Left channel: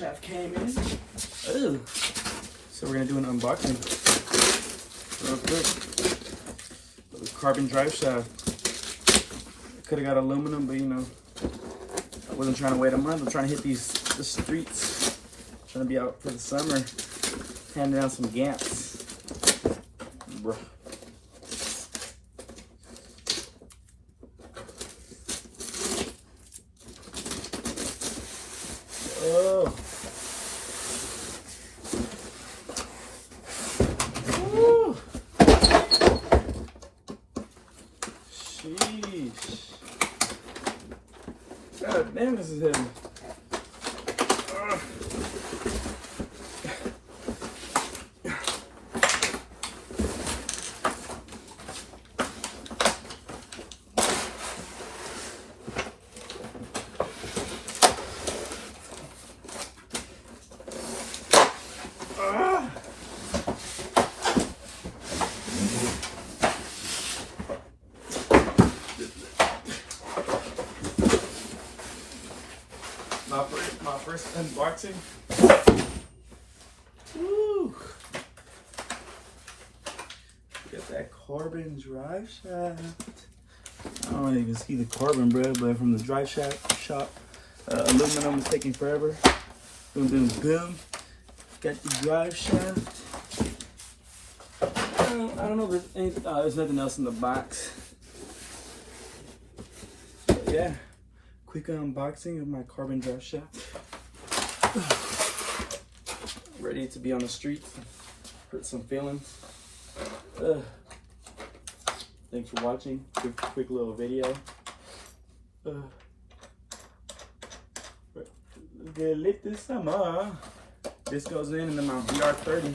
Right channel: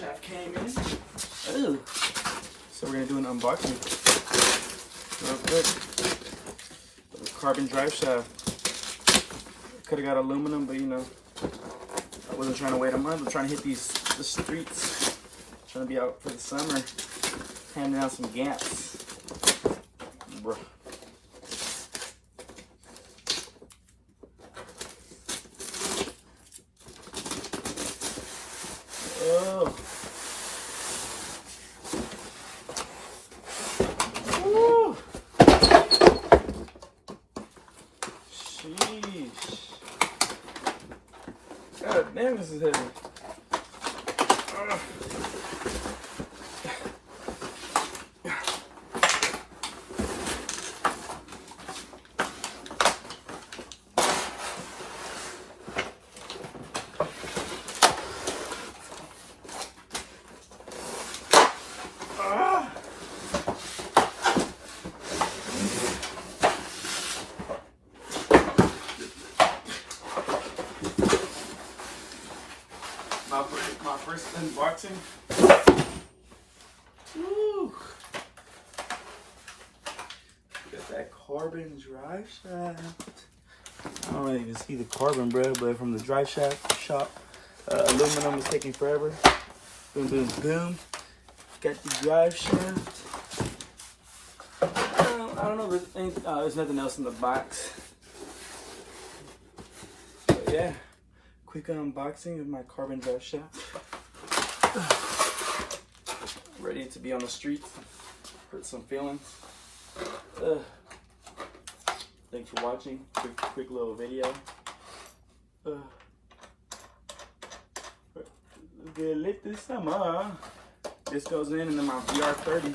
shaft came in. Ooh. So we're gonna do an unboxing real quick. The carbon drive shaft. Could have got aluminum, but you know, I wasn't trying to wait a month. I'm trying to hit the streets. Trying to be out for the summer, handing out some gaps, bro. Oh. Woo. Sheesh. God damn, this is heavy. My first unboxing. Woo. Got that carbon drive shaft. I don't even see the carbon, bro, but from the drive shaft shop. Aluminum is taking forever. Boom, boom, boom. Got the drive shaft. I don't know if there's anything. There's nothing else in the box. But yeah. Quick unboxing of my carbon drive shaft. Ready to be on the streets. Hurt some feelings. Thanks for watching. Quick little video. Good lit this summer. This goes in, and then my VR30.